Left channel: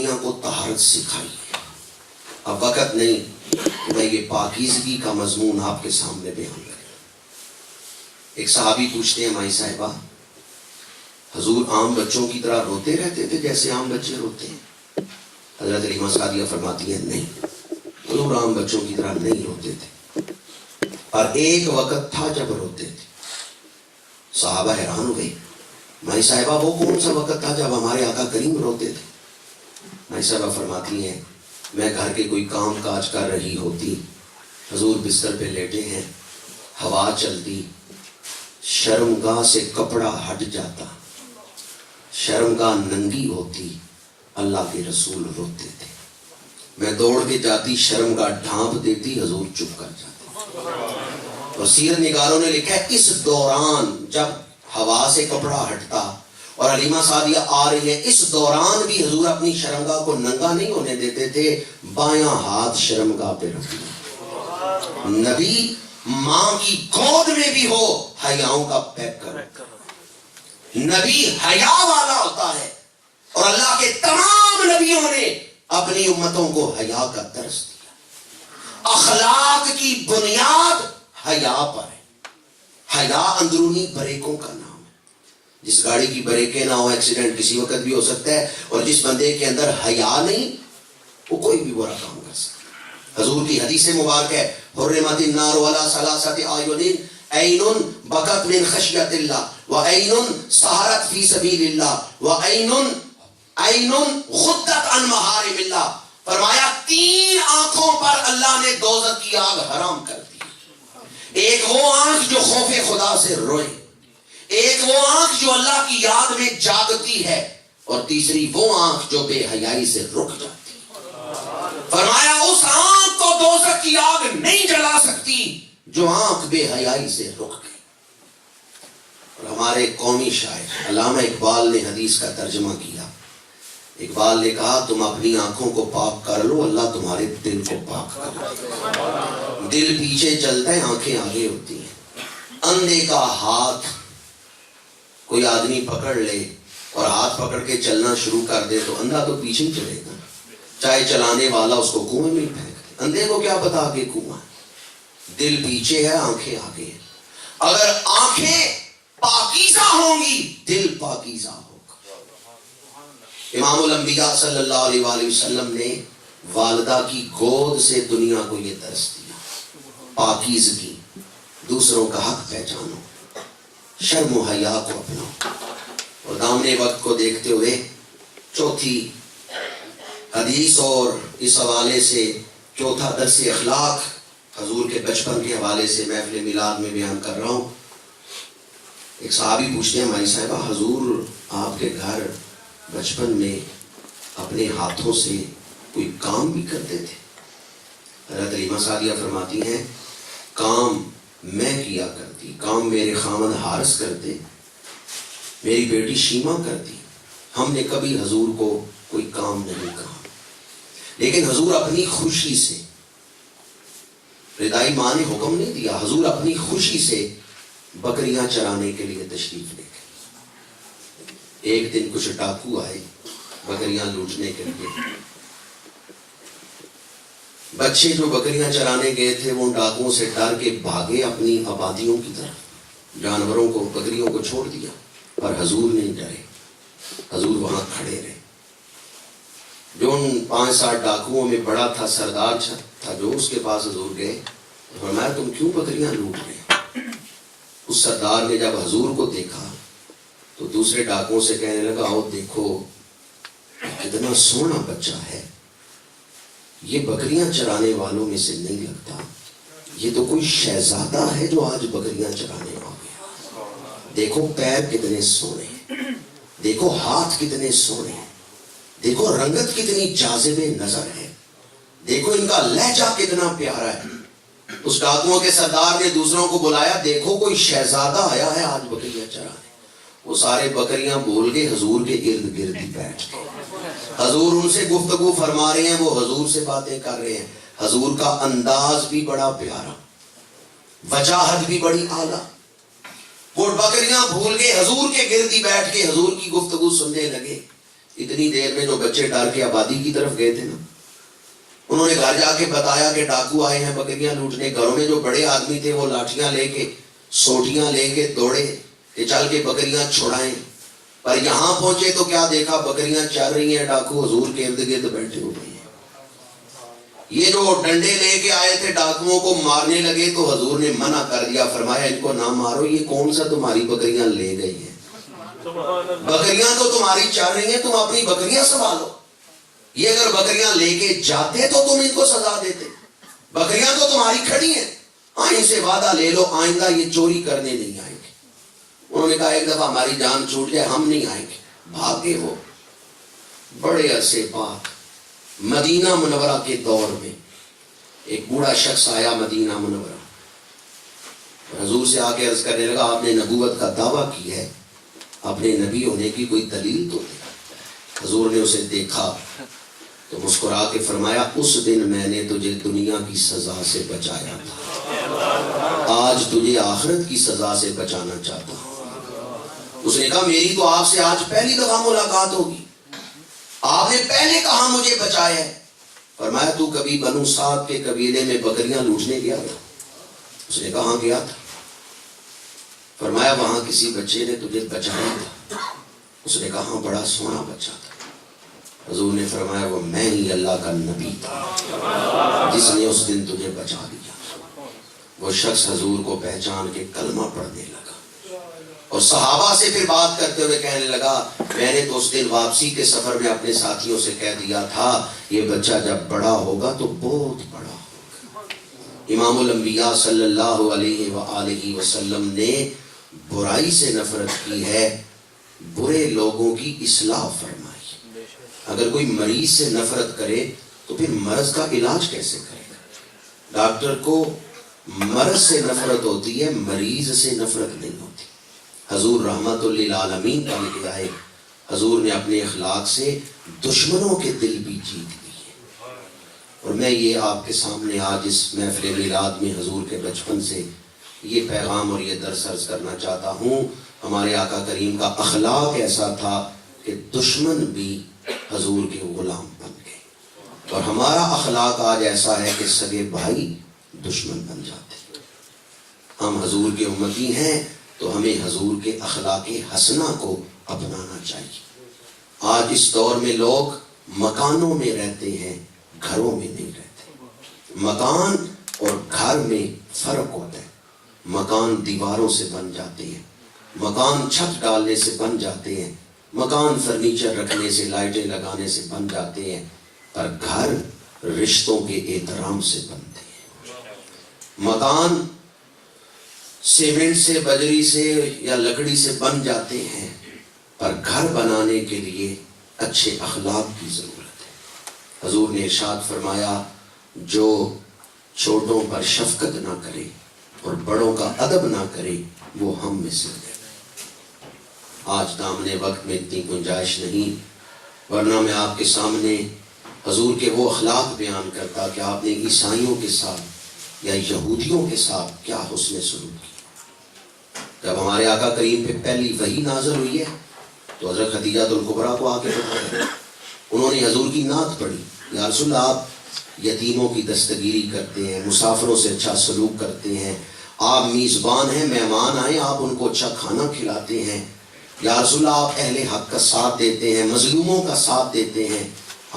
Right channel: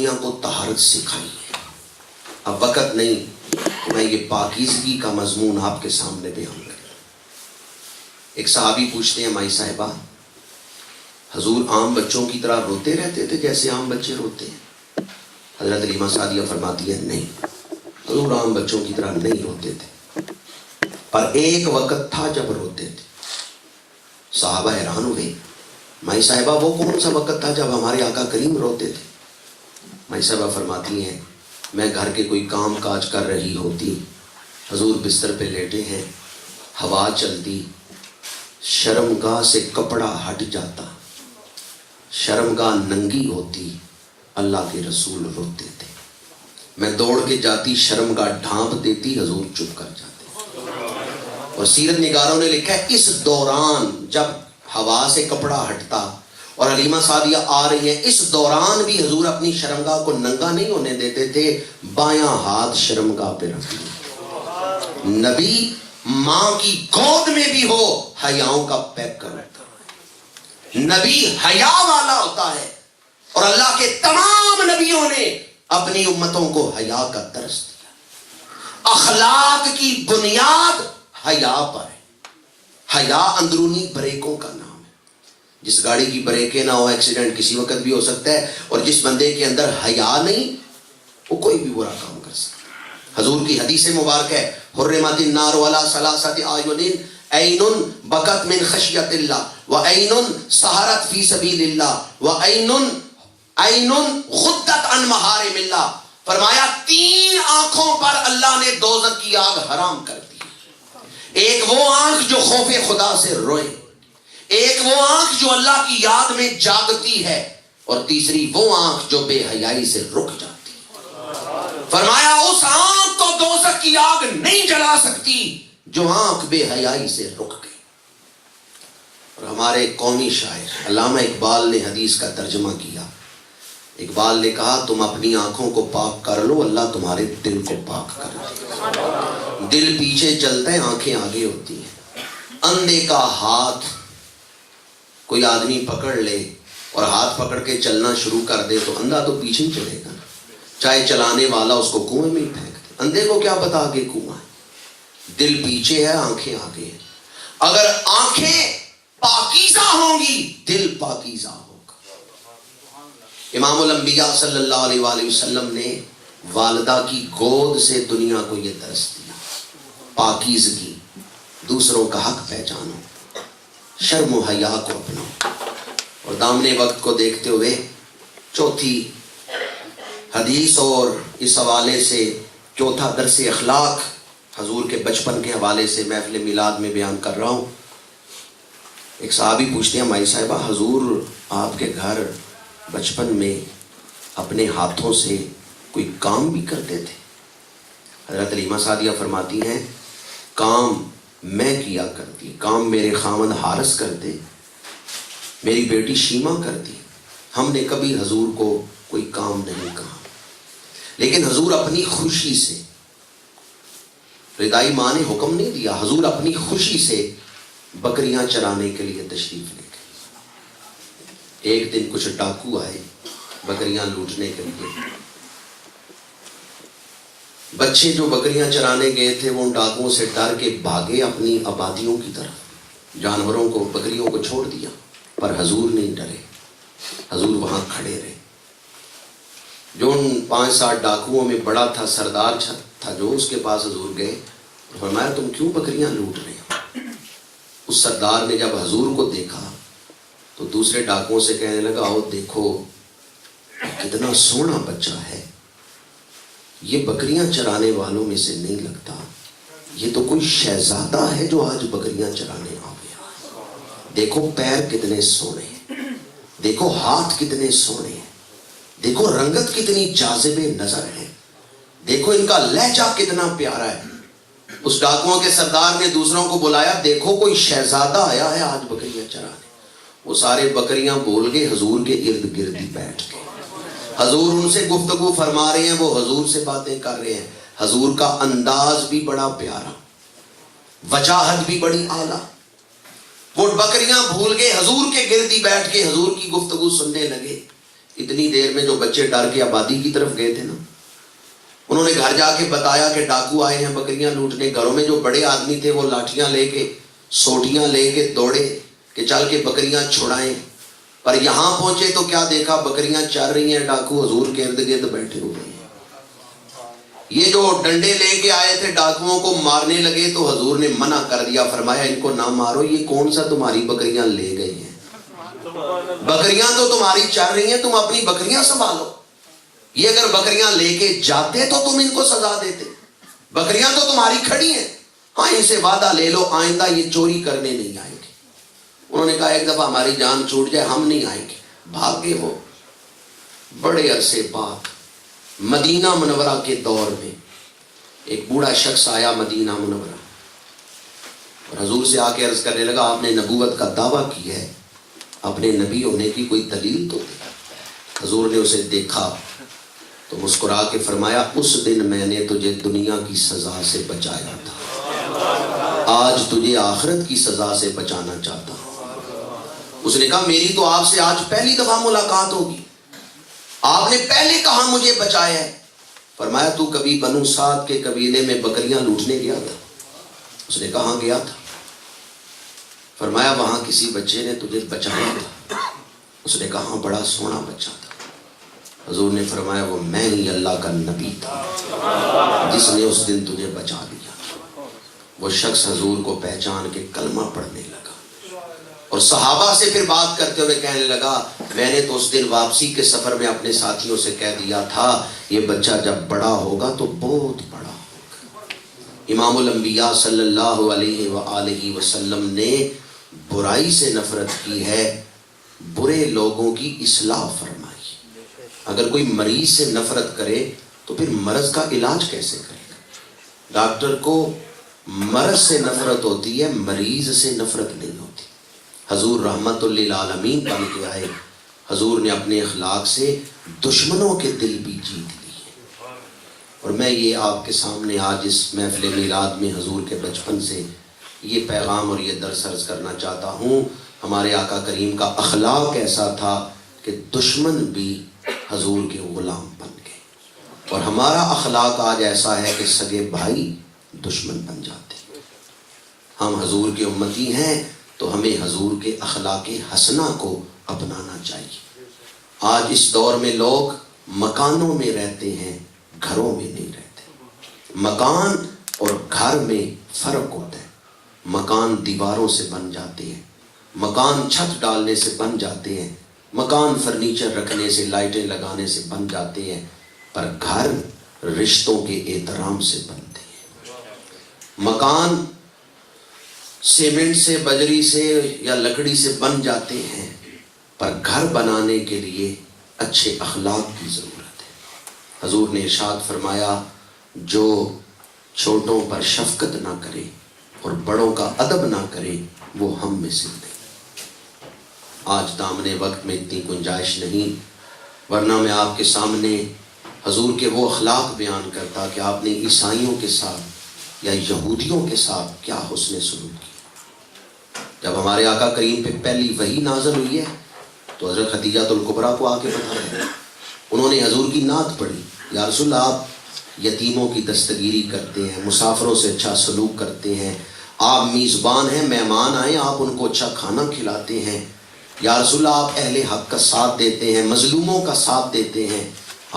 دنیا کو طہارت سکھائی ہے. اب وقت نہیں کہ میں یہ پاکیزگی کا مضمون آپ کے سامنے بیان کروں. ایک صحابی پوچھتے ہیں مائی صاحبہ حضور عام بچوں کی طرح روتے رہتے تھے جیسے عام بچے روتے ہیں؟ حضرت علیمہ سعدیہ فرماتی ہے نہیں، حضور عام بچوں کی طرح نہیں روتے تھے، پر ایک وقت تھا جب روتے تھے. صحابہ حیران ہوئے، مائی صاحبہ وہ کون سا وقت تھا جب ہمارے آقا کریم روتے تھے؟ مائی صاحبہ فرماتی ہیں میں گھر کے کوئی کام کاج کر رہی ہوتی، حضور بستر پہ لیٹے ہیں، ہوا چلتی، شرمگاہ سے کپڑا ہٹ جاتا، شرمگاہ ننگی ہوتی، اللہ کے رسول روتے تھے. میں دوڑ کے جاتی، شرمگاہ ڈھانپ دیتی، حضور چپ کر جاتے. اور سیرت نگاروں نے لکھا ہے اس دوران جب ہوا سے کپڑا ہٹتا اور علیمہ سعدیہ آ رہی ہے، اس دوران بھی حضور اپنی شرمگاہ کو ننگا نہیں ہونے دیتے تھے، بایاں ہاتھ شرمگاہ پہ رکھتے. نبی ماں کی گود میں بھی ہو حیاؤں کا پیک کر، نبی حیا والا ہوتا ہے. اور اللہ کے تمام نبیوں نے اپنی امتوں کو حیا کا درس دیا. اخلاق کی بنیاد حیا پر ہے. حیا اندرونی بریکوں کا نام ہے. جس گاڑی کی بریکیں نہ ہو ایکسیڈنٹ کسی وقت بھی ہو سکتا ہے، اور جس بندے کے اندر حیا نہیں وہ کوئی بھی برا کام کر سکتا. حضور کی حدیث مبارک ہے حرمت النار علی ثلاثۃ اعین، عین بکت من خشیت اللہ، وعین سہرت فی سبیل اللہ، وعین غدت عن محارم اللہ. فرمایا 3 آنکھوں پر اللہ نے دوزخ کی آگ حرام کر دی. ایک وہ آنکھ جو خوف خدا سے روئے، ایک وہ آنکھ جو اللہ کی یاد میں جاگتی ہے، اور تیسری وہ آنکھ جو بے حیائی سے رک جاتی. فرمایا اس آنکھ کو دوزخ کی آگ نہیں جلا سکتی جو آنکھ بے حیائی سے رک گئی. اور ہمارے قومی شاعر علامہ اقبال نے حدیث کا ترجمہ کیا. اقبال نے کہا تم اپنی آنکھوں کو پاک کر لو، اللہ تمہارے دل کو پاک کر لو. دل پیچھے چلتا ہے، آنکھیں آگے ہوتی ہیں. اندھے کا ہاتھ کوئی آدمی پکڑ لے اور ہاتھ پکڑ کے چلنا شروع کر دے تو اندھا تو پیچھے ہی چلے گا، چاہے چلانے والا اس کو کنویں میں پھینک دے. اندھے کو کیا پتا کہ کنواں ہے. دل پیچھے ہے، آنکھیں آگے ہیں. اگر آنکھیں پاکیزہ ہوں گی دل پاکیزہ ہوگا. امام الانبیاء صلی اللہ علیہ وآلہ وسلم نے والدہ کی گود سے دنیا کو یہ درس دیا. پاکیزگی، دوسروں کا حق پہچانو، شرم و حیا کو اپناؤ. اور دامنے وقت کو دیکھتے ہوئے چوتھی حدیث اور اس حوالے سے چوتھا درس اخلاق حضور کے بچپن کے حوالے سے محفل میلاد میں بیان کر رہا ہوں. ایک صحابی پوچھتے ہیں مائی صاحبہ حضور آپ کے گھر بچپن میں اپنے ہاتھوں سے کوئی کام بھی کرتے تھے؟ حضرت علیمہ سعدیہ فرماتی ہیں کام میں کیا کرتی، کام میرے خاوند حارث کرتے، میری بیٹی شیما کرتی. ہم نے کبھی حضور کو کوئی کام نہیں کہا. لیکن حضور اپنی خوشی سے، ردائی ماں نے حکم نہیں دیا، حضور اپنی خوشی سے بکریاں چرانے کے لیے تشریف لے گئے. ایک دن کچھ ڈاکو آئے بکریاں لوٹنے کے لیے. بچے جو بکریاں چرانے گئے تھے وہ ڈاکوؤں سے ڈر کے بھاگے اپنی آبادیوں کی طرف، جانوروں کو بکریوں کو چھوڑ دیا. پر حضور نہیں ڈرے، حضور وہاں کھڑے رہے. جو ان 5-7 ڈاکوؤں میں بڑا تھا، سردار تھا، جو اس کے پاس حضور گئے، فرمایا تم کیوں بکریاں لوٹ رہے؟ اس سردار نے جب حضور کو دیکھا تو دوسرے ڈاکوؤں سے کہنے لگا آؤ دیکھو کتنا سونا بچہ ہے، یہ بکریاں چرانے والوں میں سے نہیں لگتا، یہ تو کوئی شہزادہ ہے جو آج بکریاں چرانے آ گیا. دیکھو پیر کتنے سونے ہیں، دیکھو ہاتھ کتنے سونے ہیں، دیکھو رنگت کتنی جاذب نظر ہے، دیکھو ان کا لہجہ کتنا پیارا ہے. اس ڈاکوؤں کے سردار نے دوسروں کو بلایا، دیکھو کوئی شہزادہ آیا ہے آج بکریاں چرانے. وہ سارے بکریاں بول کے حضور کے ارد گرد بیٹھ گئے. حضور ان سے گفتگو فرما رہے ہیں، وہ حضور سے باتیں کر رہے ہیں. حضور کا انداز بھی بڑا پیارا، وجاہت بھی بڑی اعلیٰ. وہ بکریاں بھول کے حضور کے گردی بیٹھ کے حضور کی گفتگو سننے لگے. اتنی دیر میں جو بچے ڈر کے آبادی کی طرف گئے تھے نا، انہوں نے گھر جا کے بتایا کہ ڈاکو آئے ہیں بکریاں لوٹنے. گھروں میں جو بڑے آدمی تھے وہ لاٹھیاں لے کے سوٹیاں لے کے دوڑے کہ چل کے بکریاں چھڑائیں. پر یہاں پہنچے تو کیا دیکھا؟ بکریاں چر رہی ہیں، ڈاکو حضور کے ارد گرد بیٹھے ہوئے ہیں. یہ جو ڈنڈے لے کے آئے تھے ڈاکوؤں کو مارنے لگے تو حضور نے منع کر دیا، فرمایا ان کو نہ مارو، یہ کون سا تمہاری بکریاں لے گئی ہیں؟ بکریاں تو تمہاری چر رہی ہیں، تم اپنی بکریاں سنبھالو. یہ اگر بکریاں لے کے جاتے تو تم ان کو سزا دیتے. بکریاں تو تمہاری کھڑی ہیں، ہاں ان سے وعدہ لے لو آئندہ یہ چوری کرنے نہیں آئیں گے. انہوں نے کہا ایک دفعہ ہماری جان چھوٹ جائے ہم نہیں آئیں گے. بھاگے وہ. بڑے عرصے بعد مدینہ منورہ کے دور میں ایک بوڑھا شخص آیا مدینہ منورہ، حضور سے آ کے عرض کرنے لگا آپ نے نبوت کا دعویٰ کی ہے، اپنے نبی ہونے کی کوئی دلیل تو دے. حضور نے اسے دیکھا تو مسکرا کے فرمایا اس دن میں نے تجھے دنیا کی سزا سے بچایا تھا، آج تجھے آخرت کی سزا سے بچانا چاہتا ہوں. اس نے کہا میری تو آپ سے آج پہلی دفعہ ملاقات ہوگی، آپ نے پہلے کہا مجھے بچایا ہے. فرمایا تو کبھی بنو سعد کے قبیلے میں بکریاں لوٹنے گیا تھا؟ اس نے کہا ہاں گیا تھا. فرمایا وہاں کسی بچے نے تجھے بچایا تھا؟ اس نے کہا ہاں بڑا سونا بچہ تھا. حضور نے فرمایا وہ میں ہی اللہ کا نبی تھا جس نے اس دن تجھے بچا دیا. وہ شخص حضور کو پہچان کے کلمہ پڑھنے لگا اور صحابہ سے پھر بات کرتے ہوئے کہنے لگا میں نے تو اس دن واپسی کے سفر میں اپنے ساتھیوں سے کہہ دیا تھا یہ بچہ جب بڑا ہوگا تو بہت بڑا ہوگا. امام الانبیاء صلی اللہ علیہ وآلہ وسلم نے برائی سے نفرت کی ہے، برے لوگوں کی اصلاح فرمائی. اگر کوئی مریض سے نفرت کرے تو پھر مرض کا علاج کیسے کرے گا؟ ڈاکٹر کو مرض سے نفرت ہوتی ہے، مریض سے نفرت نہیں ہوتی. حضور رحمت للعالمین بن کے آئے، حضور نے اپنے اخلاق سے دشمنوں کے دل بھی جیت لیے. اور میں یہ آپ کے سامنے آج اس محفل میلاد میں حضور کے بچپن سے یہ پیغام اور یہ درس عرض کرنا چاہتا ہوں. ہمارے آقا کریم کا اخلاق ایسا تھا کہ دشمن بھی حضور کے غلام بن گئے، اور ہمارا اخلاق آج ایسا ہے کہ سگے بھائی دشمن بن جاتے. ہم حضور کے امتی ہیں تو ہمیں حضور کے اخلاق حسنہ کو اپنانا چاہیے. آج اس دور میں لوگ مکانوں میں رہتے ہیں، گھروں میں نہیں رہتے. مکان اور گھر میں فرق ہوتا ہے. مکان دیواروں سے بن جاتے ہیں، مکان چھت ڈالنے سے بن جاتے ہیں، مکان فرنیچر رکھنے سے لائٹیں لگانے سے بن جاتے ہیں، پر گھر رشتوں کے احترام سے بنتے ہیں. مکان سیمنٹ سے، بجری سے یا لکڑی سے بن جاتے ہیں، پر گھر بنانے کے لیے اچھے اخلاق کی ضرورت ہے. حضور نے ارشاد فرمایا جو چھوٹوں پر شفقت نہ کرے اور بڑوں کا ادب نہ کرے وہ ہم میں سے نہیں. آج دامنے وقت میں اتنی گنجائش نہیں، ورنہ میں آپ کے سامنے حضور کے وہ اخلاق بیان کرتا کہ آپ نے عیسائیوں کے ساتھ یا یہودیوں کے ساتھ کیا حسن سلوک کیا. جب ہمارے آقا کریم پہ پہلی وحی نازل ہوئی ہے تو حضرت خدیجہ الکبریٰ کو آ کے بتایا، انہوں نے حضور کی نعت پڑھی، یا رسول اللہ آپ یتیموں کی دستگیری کرتے ہیں، مسافروں سے اچھا سلوک کرتے ہیں، آپ میزبان ہیں، مہمان آئے آپ ان کو اچھا کھانا کھلاتے ہیں، یا رسول اللہ آپ اہل حق کا ساتھ دیتے ہیں، مظلوموں کا ساتھ دیتے ہیں،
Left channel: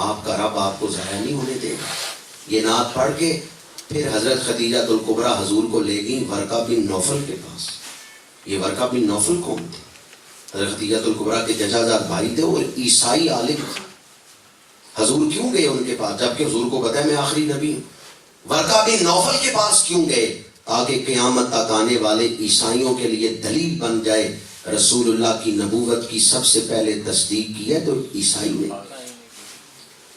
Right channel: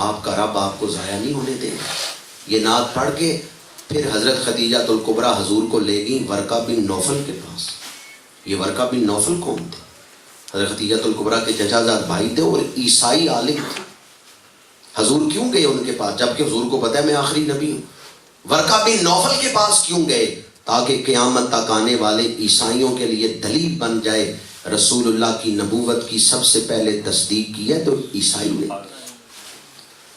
آپ کا رب آپ کو ضائع نہیں ہونے دے گا. یہ نعت پڑھ کے پھر حضرت خدیجہ الکبریٰ حضور کو لے گئیں ورقہ بن نوفل کے پاس. یہ ورقہ بن نوفل کون تھے؟ حضرت خدیجہ الکبریٰ کے چچا زاد بھائی تھے، وہ عیسائی عالم تھے. حضور کیوں گئے ان کے پاس جبکہ حضور کو پتہ ہے میں آخری نبی ہوں؟ ورقہ بن نوفل کے پاس کیوں گئے؟ تاکہ قیامت تک آنے والے عیسائیوں کے لیے دلیل بن جائے رسول اللہ کی نبوت کی سب سے پہلے تصدیق کی ہے تو عیسائی نے.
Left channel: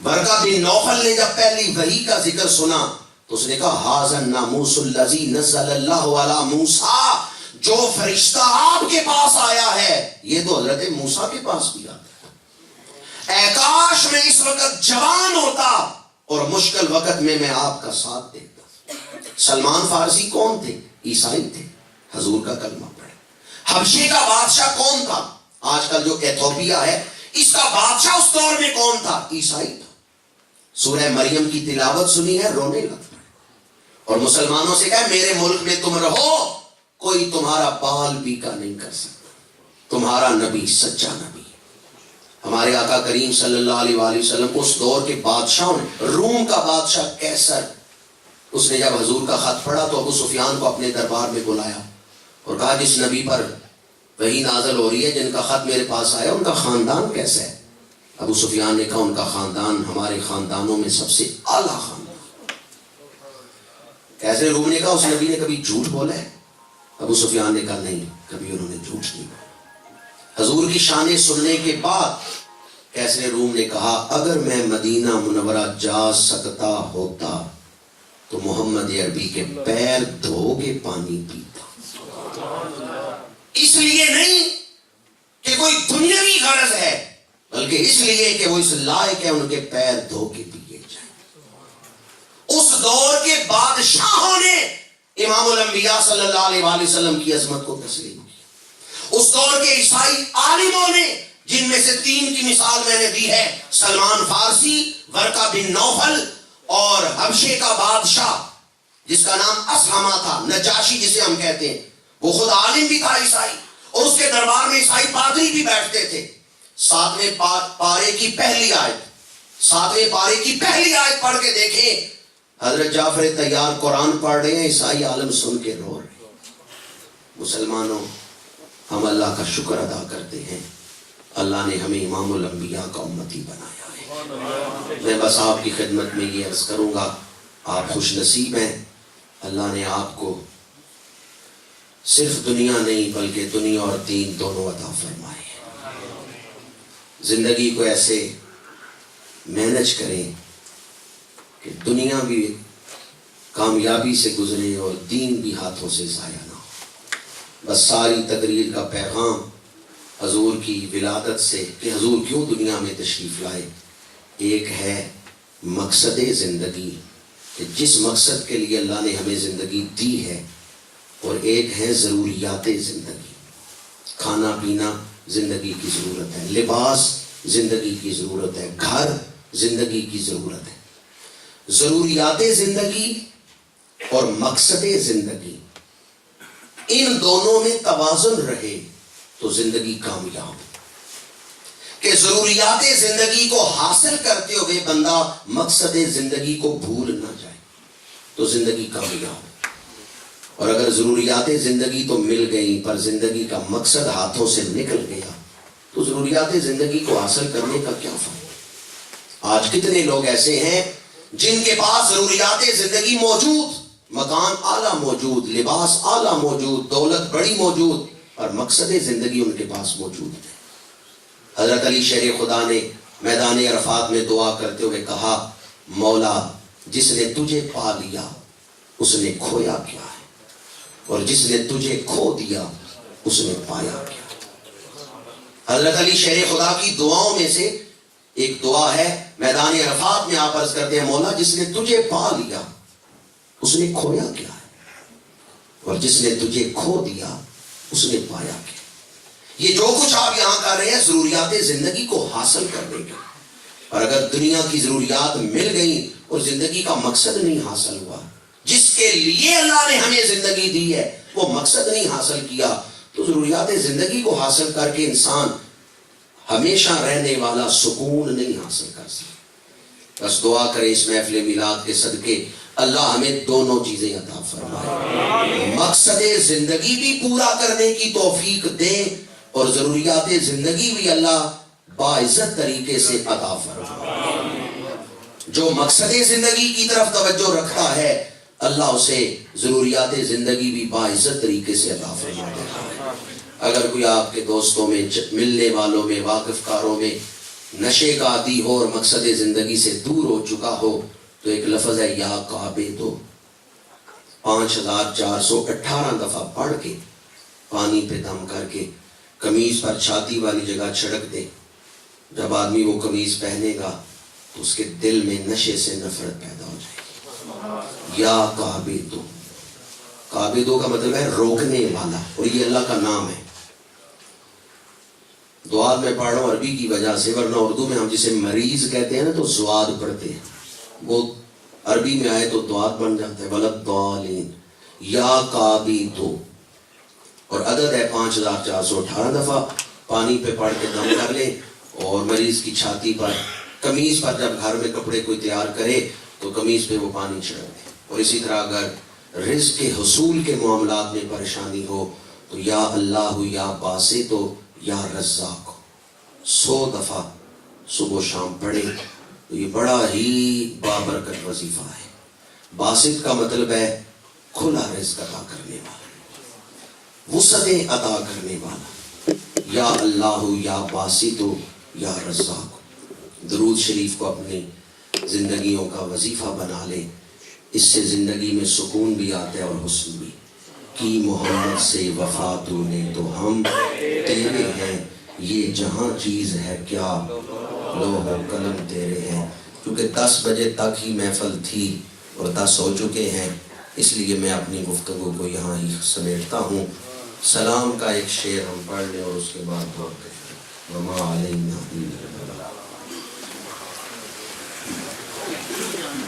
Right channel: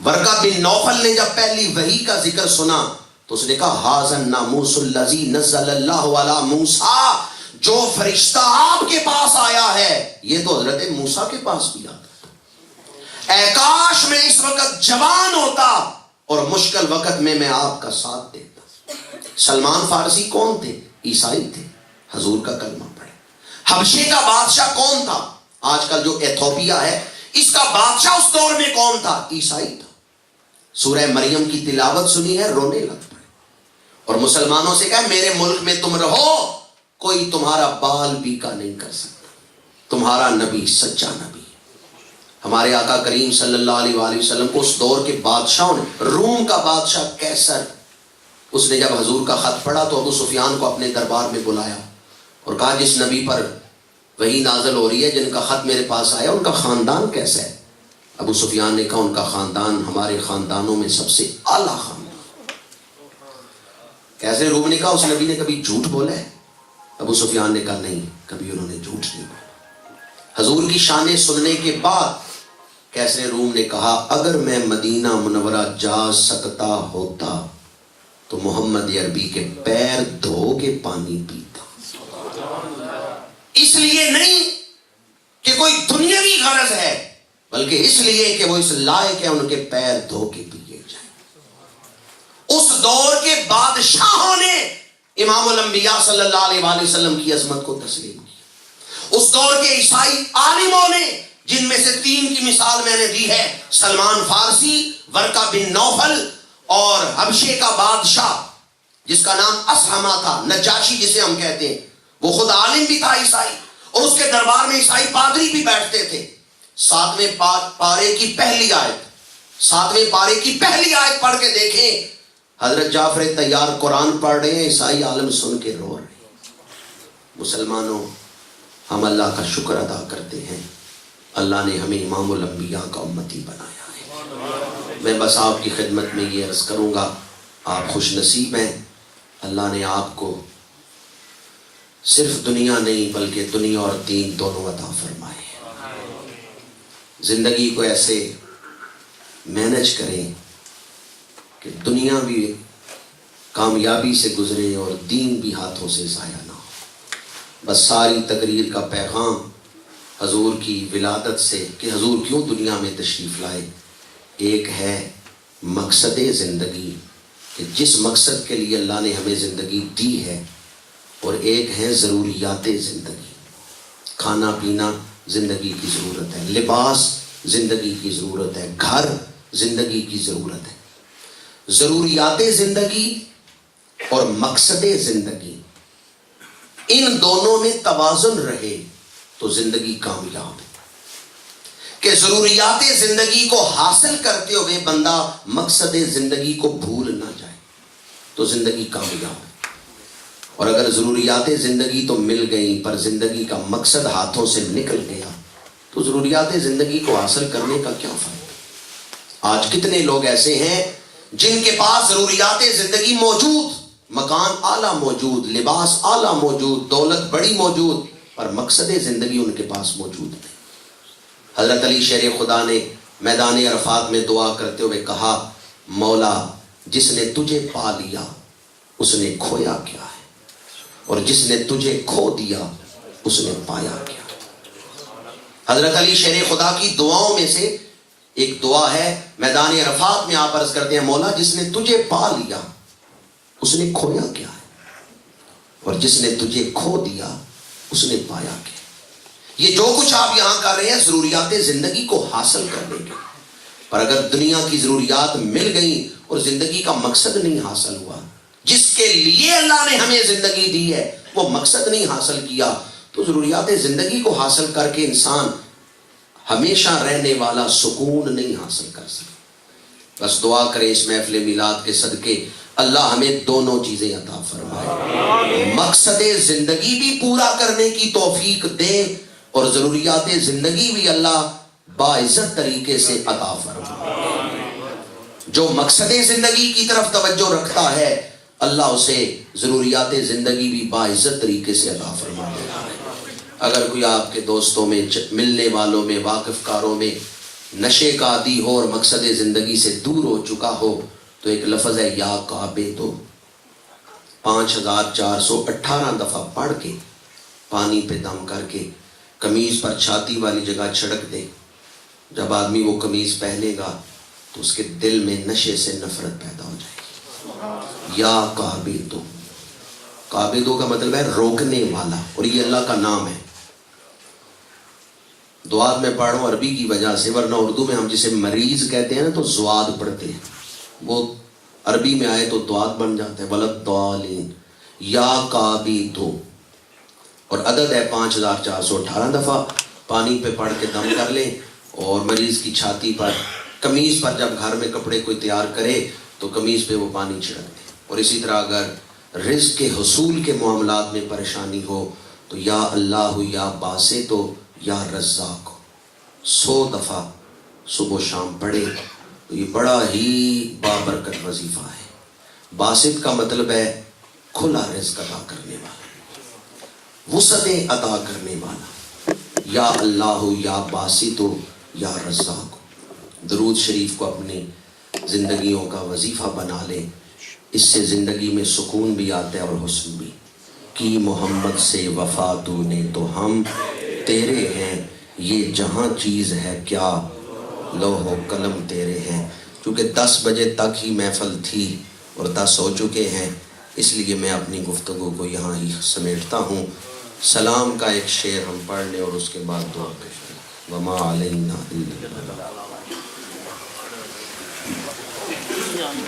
ورقہ بن نوفل نے جب پہلی وحی کا ذکر سنا تو اس نے کہا ھذا الناموس الذی نزل اللہ علی موسیٰ، جو فرشتہ آپ کے پاس آیا ہے یہ تو حضرت موسیٰ کے پاس بھی آتا. اے کاش میں اس وقت جوان ہوتا اور مشکل وقت میں آپ کا ساتھ دیتا. سلمان فارسی کون تھے؟ عیسائی تھے، حضور کا کلمہ پڑھے. حبشے کا بادشاہ کون تھا؟ آج کل جو ایتھوپیا ہے اس کا بادشاہ اس دور میں کون تھا؟ عیسائی تھا. سورہ مریم کی تلاوت سنی ہے، رونے لگتا ہے، اور مسلمانوں سے کہا میرے ملک میں تم رہو، کوئی تمہارا بال بیکا نہیں کر سکتا، تمہارا نبی سچا نبی. ہمارے آقا کریم صلی اللہ علیہ وآلہ وسلم کو اس دور کے بادشاہوں نے، روم کا بادشاہ کیسر، اس نے جب حضور کا خط پڑھا تو ابو سفیان کو اپنے دربار میں بلایا اور کہا جس نبی پر وحی نازل ہو رہی ہے، جن کا خط میرے پاس آیا، ان کا خاندان کیسا ہے؟ ابو سفیان نے کہا ان کا خاندان ہمارے خاندانوں میں سب سے اعلیٰ خاندان. کیسے روم نے کہا اس نبی نے کبھی جھوٹ بولا ہے؟ ابو سفیان نے کہا نہیں، کبھی انہوں نے جھوٹ نہیں بولا. حضور کی شانیں سننے کے بعد کیسے روم نے کہا اگر میں مدینہ منورہ جا سکتا ہوتا تو محمد عربی کے پیر دھو کے پانی پیتا. اس لیے نہیں کہ کوئی دنیاوی غرض ہے، بلکہ اس لیے کہ وہ اس لائق ہے ان کے پیر دھو کے پیے جائیں. اس دور کے بادشاہوں نے امام الانبیاء صلی اللہ علیہ وآلہ وسلم کی عظمت کو تسلیم کیا. اس دور کے عیسائی عالموں نے، جن میں سے 3 کی مثال میں نے دی ہے، سلمان فارسی، ورقہ بن نوفل اور حبشے کا بادشاہ جس کا نام اسلمہ تھا، نجاشی جسے ہم کہتے ہیں، وہ خود عالم بھی تھا عیسائی، اور اس کے دربار میں عیسائی پادری بھی بیٹھتے تھے. 7ویں پارے کی پہلی آیت پڑھ کے دیکھیں، حضرت جعفر طیار قرآن پڑھ رہے ہیں، عیسائی عالم سن کے رو رہے ہیں. مسلمانوں، ہم اللہ کا شکر ادا کرتے ہیں، اللہ نے ہمیں امام الانبیاء کا امتی بنایا ہے. میں بس آپ کی خدمت میں یہ عرض کروں گا، آپ خوش نصیب ہیں، اللہ نے آپ کو صرف دنیا نہیں بلکہ دنیا اور دین دونوں عطا فرمائے ہیں. زندگی کو ایسے مینج کریں کہ دنیا بھی کامیابی سے گزرے اور دین بھی ہاتھوں سے ضائع نہ ہو. بس ساری تقریر کا پیغام حضور کی ولادت سے کہ حضور کیوں دنیا میں تشریف لائے، ایک ہے مقصد زندگی کہ جس مقصد کے لیے اللہ نے ہمیں زندگی دی ہے، اور ایک ہے ضروریات زندگی. کھانا پینا زندگی کی ضرورت ہے، لباس زندگی کی ضرورت ہے، گھر زندگی کی ضرورت ہے. ضروریات زندگی اور مقصد زندگی، ان دونوں میں توازن رہے تو زندگی کامیاب. کہ ضروریات زندگی کو حاصل کرتے ہوئے بندہ مقصد زندگی کو بھول نہ جائے تو زندگی کامیاب. اور اگر ضروریات زندگی تو مل گئی پر زندگی کا مقصد ہاتھوں سے نکل گیا تو ضروریات زندگی کو حاصل کرنے کا کیا فائدہ؟ آج کتنے لوگ ایسے ہیں جن کے پاس ضروریات زندگی موجود، مکان اعلیٰ موجود، لباس اعلیٰ موجود، دولت بڑی موجود، پر مقصد زندگی ان کے پاس موجود ہے. حضرت علی شیر خدا نے میدان عرفات میں دعا کرتے ہوئے کہا مولا جس نے تجھے پا لیا اس نے کھویا کیا ہے، اور جس نے تجھے کھو دیا اس نے پایا کیا. حضرت علی شیر خدا کی دعاؤں میں سے ایک دعا ہے، میدان عرفات میں آپ عرض کرتے ہیں مولا جس نے تجھے پا لیا اس نے کھویا کیا ہے، اور جس نے تجھے کھو دیا اس نے پایا کیا. یہ جو کچھ آپ یہاں کر رہے ہیں ضروریات زندگی کو حاصل کرنے کے، اور اگر دنیا کی ضروریات مل گئی اور زندگی کا مقصد نہیں حاصل ہوا، جس کے لیے اللہ نے ہمیں زندگی دی ہے وہ مقصد نہیں حاصل کیا، تو ضروریات زندگی کو حاصل کر کے انسان ہمیشہ رہنے والا سکون نہیں حاصل کر سکتا. بس دعا کریں اس محفل میلاد کے صدقے اللہ ہمیں دونوں چیزیں عطا فرمائے، مقصد زندگی بھی پورا کرنے کی توفیق دے اور ضروریات زندگی بھی اللہ باعزت طریقے سے عطا فرمائے. جو مقصد زندگی کی طرف توجہ رکھتا ہے اللہ اسے ضروریات زندگی بھی باعزت طریقے سے عطا فرمائے. اگر کوئی آپ کے دوستوں میں، ملنے والوں میں، واقف کاروں میں نشے کا عادی ہو اور مقصد زندگی سے دور ہو چکا ہو تو ایک لفظ ہے یا کعبے تو 5418 دفعہ پڑھ کے پانی پہ دم کر کے قمیض پر چھاتی والی جگہ چھڑک دے. جب آدمی وہ قمیض پہنے گا تو اس کے دل میں نشے سے نفرت پیدا ہو جائے گی. یا کعبے تو، کعبے تو کا مطلب ہے روکنے والا، اور یہ اللہ کا نام ہے. دعا میں پڑھ رہا ہوں عربی کی وجہ سے، ورنہ اردو میں ہم جسے مریض کہتے ہیں نا تو زواد پڑھتے ہیں، وہ عربی میں آئے تو دعات بن جاتا ہے، ولدالین یا کابی تو، اور عدد ہے 5418 دفعہ پانی پہ پڑھ کے دم کر لیں، اور مریض کی چھاتی پر، قمیض پر جب گھر میں کپڑے کوئی تیار کرے تو قمیض پہ وہ پانی چھڑک دے. اور اسی طرح اگر رزق کے حصول کے معاملات میں پریشانی ہو تو یا اللہ یا باسط تو یا رزاق 100 دفعہ صبح و شام پڑھے. تو یہ بڑا ہی بابرکت وظیفہ ہے. باسط کا مطلب ہے کھلا رزق عطا کرنے والا، وسعتیں عطا کرنے والا. یا اللہ یا باسط یا رزاق. درود شریف کو اپنی زندگیوں کا وظیفہ بنا لیں، اس سے زندگی میں سکون بھی آتا ہے اور حسن بھی. کی محمد سے وفا تو نے تو ہم تیرے ہیں، یہ جہاں چیز ہے کیا لوح و قلم تیرے ہیں. کیونکہ 10 بجے تک ہی محفل تھی اور 10 ہو چکے ہیں، اس لیے میں اپنی گفتگو کو یہاں ہی سمیٹتا ہوں. سلام کا ایک شعر ہم پڑھ لیں اور اس کے بعد دعا کریں. وما علینا